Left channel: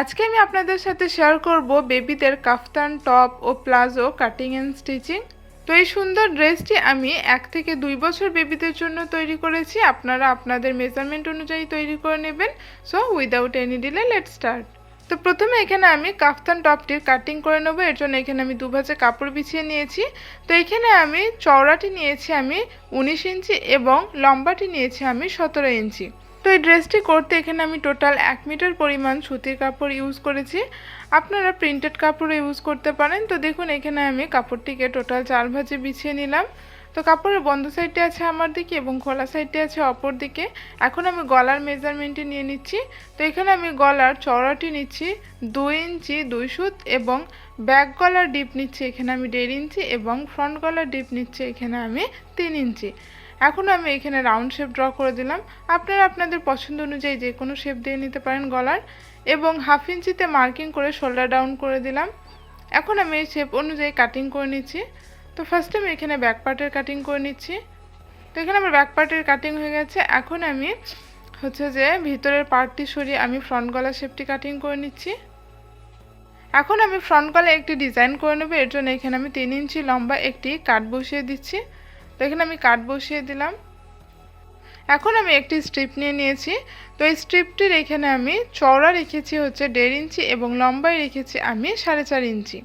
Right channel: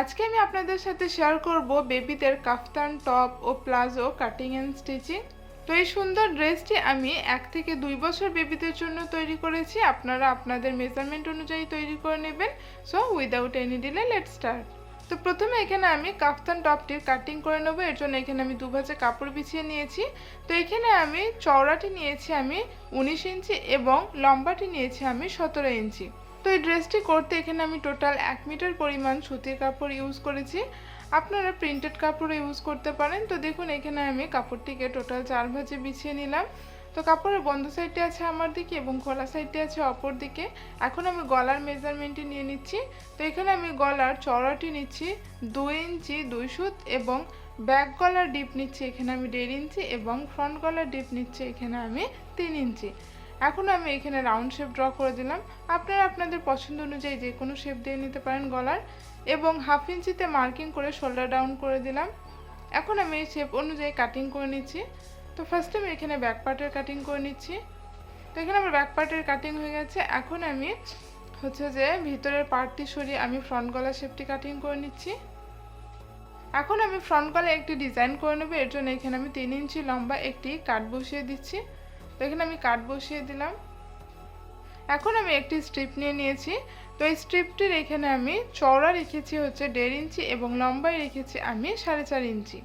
আজকে আমি আপনাদের সাথে শেয়ার করব বেবিদের কাফতান টপ ও প্লাজো কাটিং অ্যান্ড স্টিচিং তো এই সুন্দর ড্রেসটি আমি এক থেকে দুই বছর বেবিদের জন্য তৈরি করেছি। আপনারা আপনাদের মেজারমেন্ট অনুযায়ী তৈরি করে নেবেন। So without any delay let start তো প্রথমে এখানে আমি কাফতান টপটির কাটিং করে নেব। এর জন্য এখানে আমি দুভাজে কাপড় বিছিয়ে নিয়েছি। তো এখানে আমি চওড়াটি নিয়েছি আমি উনিশ ইঞ্চি এবং লম্বাটি নিয়েছি আমি সতেরো ইঞ্চি। তো এই ড্রেসটি করতে এখানে আমি টোটাল এক মিটার পরিমাণ সুতির কাপড় ইউজ করেছি। আপনারা প্রিন্টেড কাপড় ইউজ করতে পারেন। তো দেখুন, এখানে আমি কাপড়টিকে টোটাল চার ভাজে বিছিয়ে নিলাম। তো কাপড়ের বন্ধ সাইডে আছে আমার দিকে এবং খোলা সাইডটি আছে অপর দিকে। এখন আমি গলার মেজারমেন্টটি নিয়ে নিচ্ছি। তো এখানে আমি গলার চওড়াটি নিচ্ছি, দুই ইঞ্চি, দুই সুত এবং ব্যাক গলার ডিপ নিচ্ছি এখানে আমি দেড় ইঞ্চি এবং ফ্রন্ট গলার ডিপ নিচ্ছি এখানে আমি তিন ইঞ্চি। এখন আমি এখানে রাউন্ড শেপ ড্র করে দিলাম। আপনারা আপনাদের পছন্দ অনুযায়ী যে কোনো শেপ দিয়ে নিতে পারেন গলার। এবং হাফ ইঞ্চিতে মার্কিং করে শোল্ডার ডাউন করে দিলাম। এখন আমি এই শেপ অনুযায়ী কাটিং করে নিচ্ছি। তো ফার্স্টে আমি এখানে ব্যাক পার্টের কাটিং করে নিচ্ছি। তো এখানে আমার ব্যাক পার্টের কাটিং হয়ে গেছে। এখন আমি হচ্ছে যে ভিতরের পার্টটি সরিয়ে আমি ফ্রন্ট গলা শেপটি কাটিং করে নিচ্ছি। এখন আমি ফ্রন্ট গলায় একটি ডিজাইন করে নেব। এর জন্য এখানে আমি তিন ইঞ্চি লম্বা একটি কাট বসিয়ে দিচ্ছি। তো এখানে আমি কাট বসিয়ে দিলাম। এখন আমি একটি স্ট্রিপ নিয়ে নিয়েছি। তো এই স্ট্রিপটির এখানে আমি চওড়া রেখেছি হচ্ছে দেড় ইঞ্চি এবং লম্বায় রেখেছি আমি সাড়ে চার ইঞ্চি।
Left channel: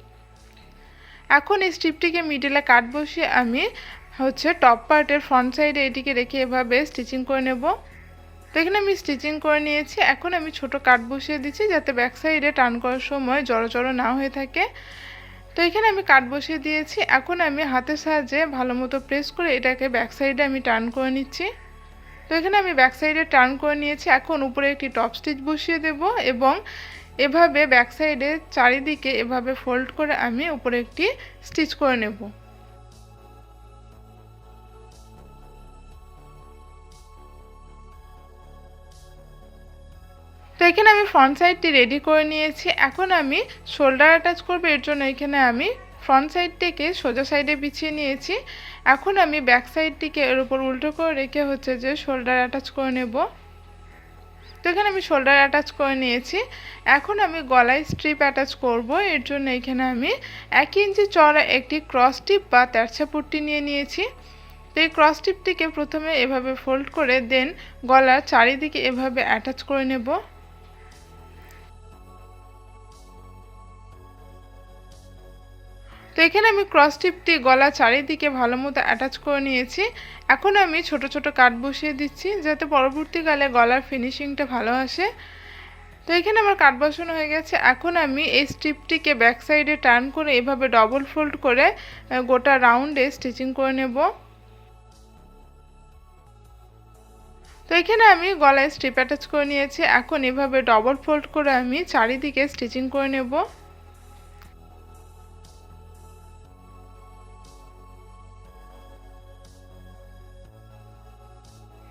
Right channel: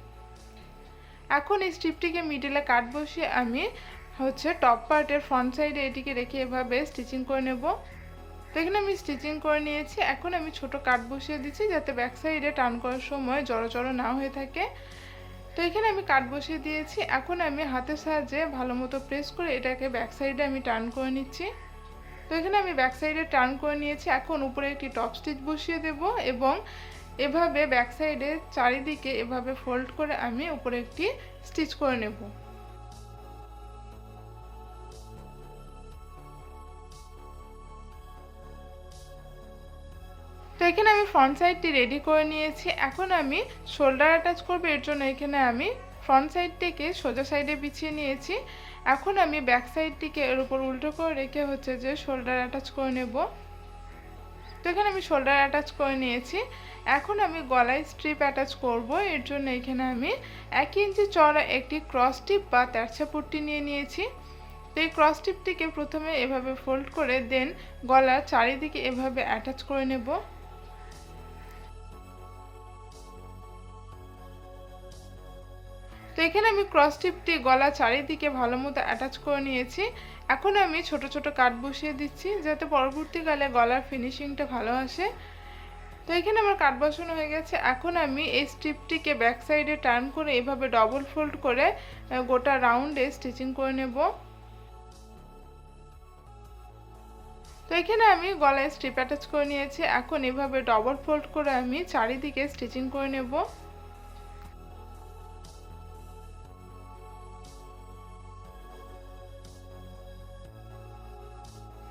এখন এই স্ট্রিপটিকে মিডিলে কাট বসিয়ে আমি হচ্ছে টপ পার্টের ফ্রন্ট সাইডে এটিকে রেখে এভাবে স্টিচিং করে নেব। তো এখানে আমি স্টিচিং করে নিয়েছি। এখন আমি ছোট কাট বসিয়ে দিচ্ছি যাতে ব্যাক সাইডে টান করার সময় জড়ো জড়ো না হয়ে থাকে। তো এখানে আমি কাট বসিয়ে দিয়েছি। এখন আমি হাতের সাহায্যে ভালো মতো প্রেস করে এটাকে ব্যাক সাইডে আমি টার্ন করে নিচ্ছি। তো এখানে আমি ব্যাক সাইডে টার্ন করে নিয়েছি। এখন উপরে একটি টপ স্টিচ বসিয়ে দেব এবং এভাবে ব্যাক সাইডে চারিদিকে এভাবে ফোল্ড করে আমি উপরে একটি স্টিচ করে নেব। তো এখানে আমি ফ্রন্ট সাইডটি রেডি করে নিয়েছি। এখন আমি শোল্ডার অ্যাটাচ করব, এর জন্য এখানে আমি ফ্রন্ট সাইডটিকে সোজা সাইডে বিছিয়ে নিয়েছি। এখন আমি ব্যাক সাইডটিকে এর উপর উল্টো করে রেখে হচ্ছে যে শোল্ডার অ্যাটাচ করে নেব। তো এখানে আমি শোল্ডার অ্যাটাচ করে নিয়েছি। এখন আমি গলায় স্ট্রিপ অ্যাটাচ করব, এর জন্য এখানে আমি এক ইঞ্চি চড়া একটি ক্রস টিপ বা তেরছা পুট্টি নিয়ে নিয়েছি। তো এই ক্রস টিপটিকে প্রথমে এভাবে ফোল্ড করে দেন গলার চারিদিকে এভাবে অ্যাটাচ করে নেব। তো এখানে আমি ক্রস টিপটি গলা চারিদিকে ভালো মতো অ্যাটাচ করে নিয়েছি। এখন আমি ছোট ছোট কাট বসিয়ে দিচ্ছি যাতে পরবর্তীকালে গলার ফিনিশিংটা ভালো আসে। তো এখানে আমার কাট বসানো হয়ে গেছে। এখন আমি এই স্ট্রিপটিকে ব্যাক সাইডে টার্ন করে এভাবে ডবল ফোল্ড করে গোটা রাউন্ডে স্টিচিং করে নেব। তো এখানে আমি গলায় স্ট্রিপ অ্যাটাচ করে নিয়েছি। এখন এভাবে ডবল ফোল্ড করে আমি চারিদিকে স্টিচিং করে নেব।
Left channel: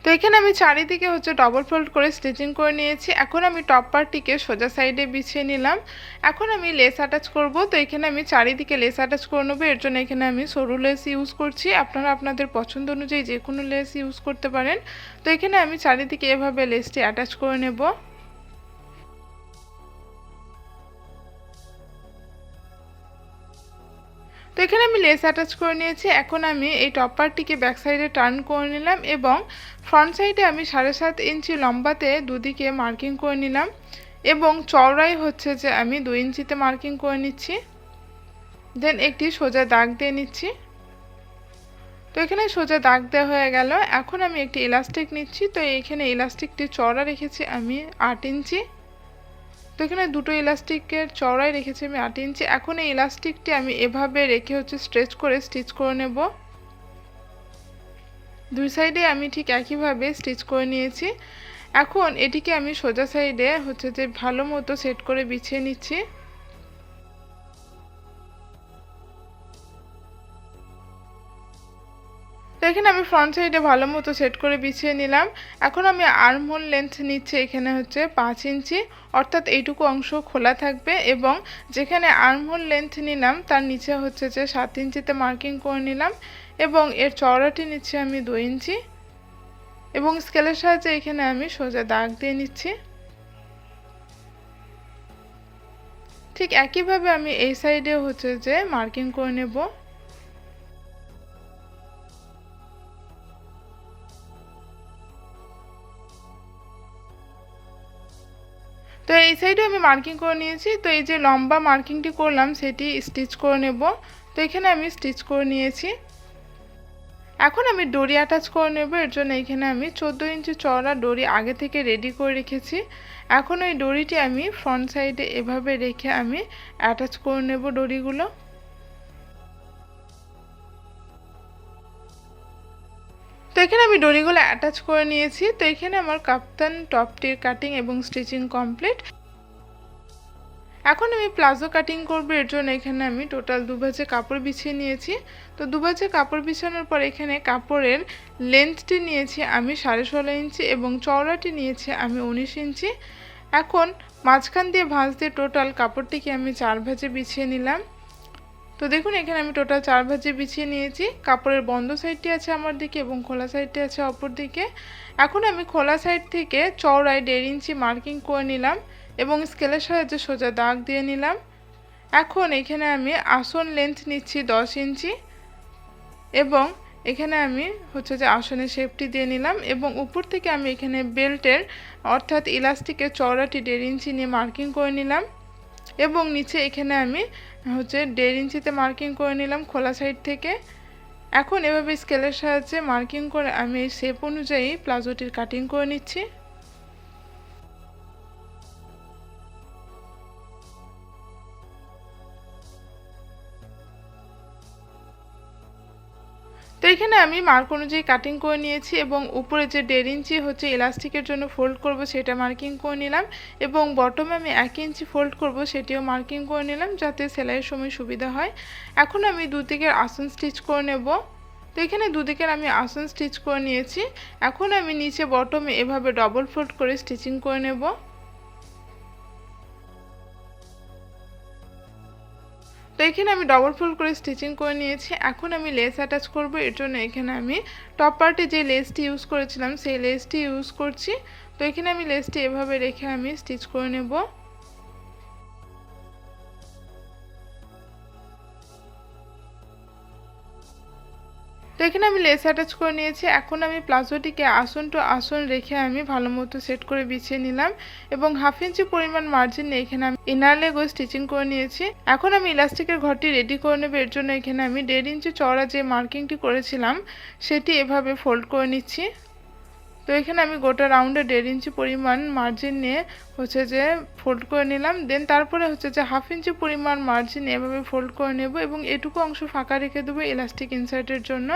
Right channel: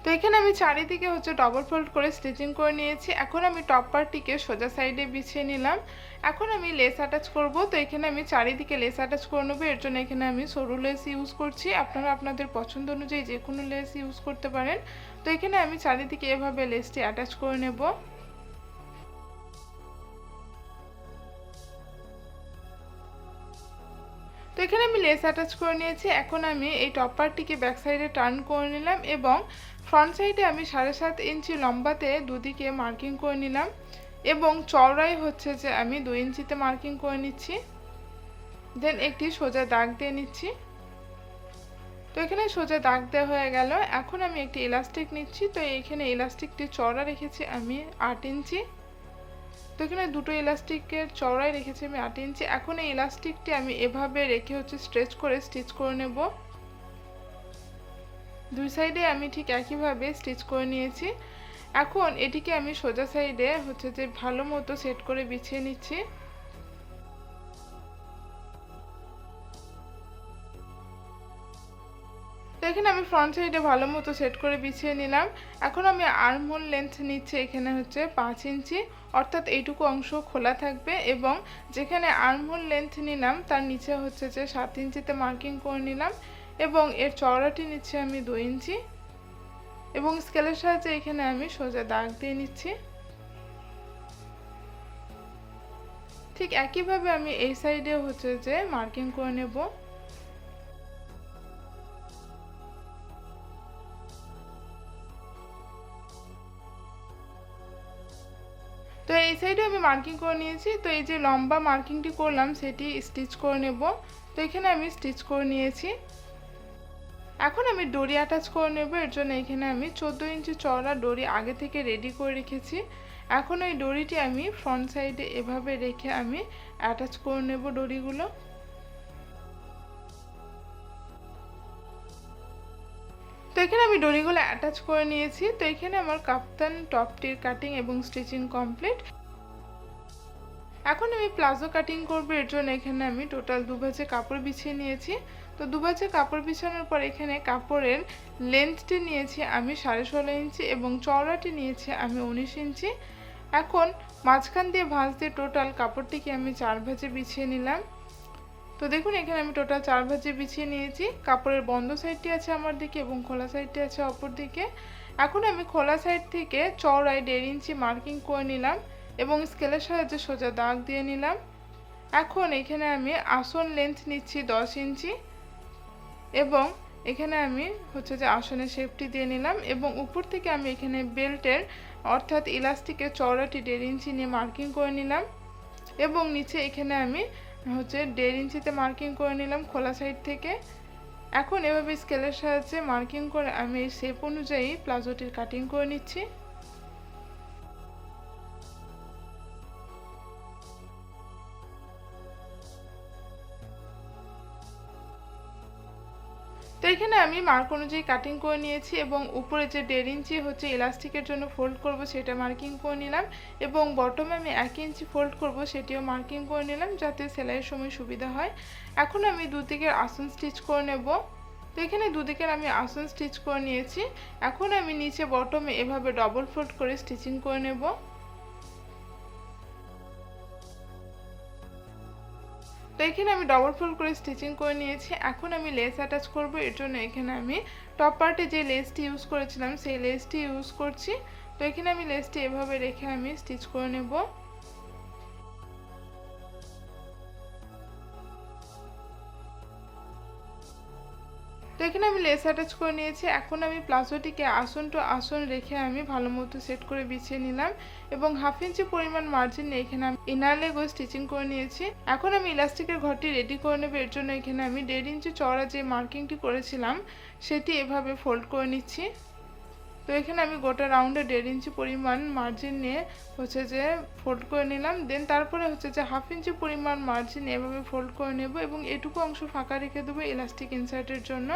তো এখানে আমি চারিদিকে হচ্ছে ডবল ফোল্ড করে স্টিচিং করে নিয়েছি। এখন আমি টপ পার্টটিকে সোজা সাইডে বিছিয়ে নিলাম। এখন আমি লেস অ্যাটাচ করব। তো এখানে আমি চারিদিকে লেস অ্যাটাচ করে নেব। এর জন্য এখানে আমি সরু লেস ইউজ করছি। আপনারা আপনাদের পছন্দ অনুযায়ী যে কোনো লেস ইউজ করতে পারেন। তো এখানে আমি চারিদিকে এভাবে লেসটি অ্যাটাচ করে নেব। এখানে আমি লেস অ্যাটাচ করে নিয়েছি। এখন আমি এই টপ পার্টটিকে ব্যাক সাইডে টার্ন করে নিলাম এবং ফ্রন্ট সাইডে আমি সাড়ে সাত ইঞ্চি লম্বাতে দুদিকে মার্কিং করে নিলাম এবং চওড়াই হচ্ছে যে আমি দু ইঞ্চিতে মার্কিং করে নিচ্ছি। দেন একটি সোজা দাগ দিয়ে নিচ্ছি। তো এখানে সোজা দাগ দেওয়া হয়ে গেল। এখন আমি একটি ইলাস্টিক নিচ্ছি। তো এইখানে ইলাস্টিকটি চওড়া রেখেছি আমি আট ইঞ্চি তো এখানে দুটো ইলাস্টিকের চওড়াই রেখেছি আমি আট ইঞ্চি। এখন এই ইলাস্টিকটি আমি এভাবে রেখে হচ্ছে স্ট্রেচ করে স্টিচ করে নেব। দুই সাইডে আমি ঠিক একইভাবে স্টিচ করে নিয়েছি। এখন এটিকে আমি সোজা সাইডে হচ্ছে যে ভালো মতো সেট করে বিছিয়ে নিচ্ছি। তো এখানে আমি ফ্রন্ট সাইডে ভালো মতো সেট করে বিছিয়ে নিলাম। এখন আমি আর্মহোল লেন্থ নিচ্ছি এখানে হচ্ছে পাঁচ ইঞ্চি। অর্থাৎ এইটুকু অংশ খোলা থাকবে এবং যেখানে আর্মহোল লেন্থ নিলাম, তার নিচে হচ্ছে যে সাত ইঞ্চিতে মার্কিং করে নিলাম এবং এর চওড়াটি নিচ্ছি আমি দু ইঞ্চি এবং স্কেলের সাহায্যে এখানে আমি সোজা দাগ দিয়ে নিচ্ছি। ঠিক একইভাবে আমি এই সাইডে হচ্ছে যে মার্কিং করে নেব। মার্কিং করে নিয়েছি। তো এই যে লম্বা মার্কিংটি করলাম, সেটি স্টিচ করে নেব। তো এখানে আমি স্টিচ করে নিয়েছি। এখন আমি ডরি অ্যাটাচ করে নেব। এর জন্য এখানে আমি চোদ্দ ইঞ্চি চওড়া ডরি আগে থেকে রেডি করে রেখেছি। এখন ওই ডরিটি আমি ফ্রন্ট সাইডে এভাবে রেখে আমি অ্যাটাচ করে নেব ডরিগুলো। তো এখানে আমি ডরিগুলো অ্যাটাচ করে নিয়েছি। তো এখানে আমার কাপ্তান টপটির কাটিং এবং স্টিচিং কমপ্লিট। এখন আমি প্লাজো কাটিং করব, এর জন্য এখানে আমি টোটাল দু ভাজে কাপড় বিছিয়ে নিয়েছি। তো দু ভাজে কাপড় বিছানোর পর এখানে কাপড়ের লেন্থটি নিয়েছি আমি সাড়ে ষোলো ইঞ্চি এবং চওড়াটি নিয়েছি আমি উনিশ ইঞ্চি। এখন মাঝখান দিয়ে ভাঁজ দিয়ে টোটাল কাপড়টিকে আমি চার ভাজে বিছিয়ে নিলাম। তো দেখুন, এখানে আমি টোটাল চার ভাজে বিছিয়ে নিয়েছি। কাপড়ের বন্ধ সাইডটি আছে আমার দিকে এবং খোলা সাইডটি আছে অপর দিকে। এখন আমি খোলা সাইড থেকে চওড়ায় দেড় ইঞ্চি মার্কিং করে নিলাম। এবং স্কেলের সাহায্যে সোজা দাগ দিয়ে নিলাম। এখন এখানে আমি আসন লেন্থ নিচ্ছি দশ ইঞ্চি এবং এখানে আমি হচ্ছে যে আসনের শেপটি দিয়ে নিলাম এবং উপর থেকে আমি এখানে বেল্টের অর্থাৎ ইলাস্টিকের চওড়াটি দেড় ইঞ্চি নিয়ে মার্কিং করে নিলাম এবং নিচে এখানে আমি হচ্ছে দেড় ইঞ্চিতে মার্কিং করে নিলাম খোলা সাইড থেকে। এখন এভাবে স্কেলের সাহায্যে মার্কিং করে আমি শেপ অনুযায়ী প্লাজোটির কাটিং করে নিচ্ছি। এখানে আমি মার্ক অনুযায়ী কাটিং করে নিয়েছি এবং উপরে যে দেড় ইঞ্চি হচ্ছে ইলাস্টিকের জন্য ফোল্ড করব সেটা মার্কিং করে নিলাম এবং বটমে আমি এক ইঞ্চি ফোল্ড করব সেটিও মার্কিং করে নিলাম যাতে সেলাইয়ের সময় সুবিধা হয়। এখন আমি দুদিকের আসন স্টিচ করে নেব। তো এখানে দুদিকের আমি আসন স্টিচ করে নিয়েছি। এখন আমি নিচে বটমে এভাবে ডবল ফোল্ড করে স্টিচিং করে নেব। তো এখানে আমি ডবল ফোল্ড করে স্টিচিং করে নিয়েছি। এখন আমি লেস অ্যাটাচ করব। এর জন্য এখানে আমি টপ পার্টে যে লেসটি ইউজ করেছিলাম, সেই লেসটি ইউজ করছি। তো এখানে আমি লেসটি এভাবে রেখে আমি স্টিচ করে নেব। তো এখানে আমি লেস অ্যাটাচ করে নিয়েছি। এখন আমি প্লাজোটিকে আসন টু আসন রেখে আমি ভালো মতো সেট করে বিছিয়ে নিলাম এবং হাফ ইঞ্চি পরিমাণ মার্জিন এখানে আমি ইনার লেগও স্টিচিং করে নিয়েছি। এখন আমি ইলাস্টিকের ঘরটি রেডি করে নেব। এর জন্য এখানে আমি দেড় ইঞ্চি চড়া যে মার্কিংটি করেছিলাম, সেটি এভাবে ফোল্ড করে নিচ্ছি। তো এখানে আমি গোটা রাউন্ডে দেড় ইঞ্চি পরিমাণ মার্জিন নিয়ে হচ্ছে যে ফোল্ড করে নিলাম। দেন তারপরে হচ্ছে যে হাফ ইঞ্চি পরিমাণ মার্জিন এভাবে ফোল্ড করে নেব এবং এটুকু অংশ ফাঁকা রেখে দেবো ইলাস্টিক ইনসার্টের জন্য।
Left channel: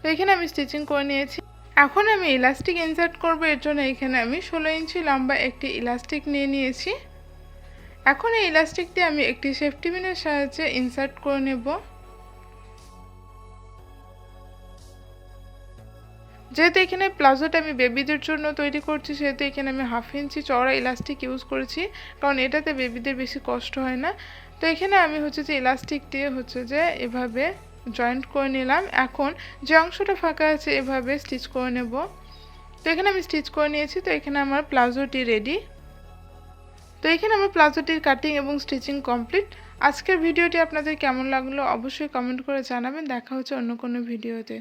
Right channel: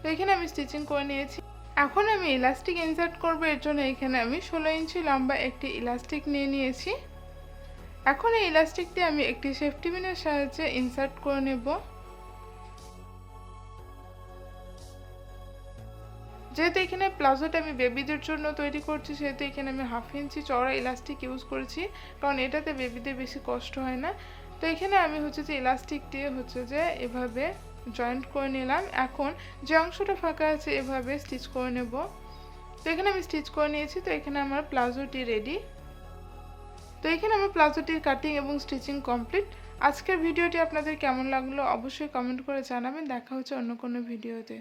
তো এখানে আমি স্টিচিং করে নিয়েছি। এখন আমি ইলাস্টিক ইনসার্ট করব, এর জন্য এখানে আমি ষোলো ইঞ্চি লম্বা একটি ইলাস্টিক নিয়ে নিয়েছি। এখন এই ইলাস্টিকটি আমি একটি সেফটি পিনের সাহায্যে ইনসার্ট করে নেব। যেহেতু এখানে প্লাজোটা আমি বেবিদের জন্য তৈরি করছি, সেহেতু এখানে আমি হাফ ইঞ্চি চওড়া ইলাস্টিক ইউজ করেছি, কারণ এটাতে বেবিদের বেশি কষ্ট হয় না। তো এখানে আমি হচ্ছে যে ইলাস্টিক দিয়ে হচ্ছে যে এভাবে জয়েন্ট করে নিলাম। এখন যে অংশটা ফাঁকা আছে, এভাবে স্টিচ করে নেব। তো এখানে আমি স্টিচ করে নিয়েছি, তো এখানে আমার প্লাজোটি রেডি তো এখানে আমার প্লাজোটির কাটিং এবং স্টিচিং কমপ্লিট আজকের ভিডিওটি আপনাদের কেমন লাগল অবশ্যই কমেন্ট করে জানাবেন। দেখা হচ্ছে অন্য কোনো ভিডিওতে।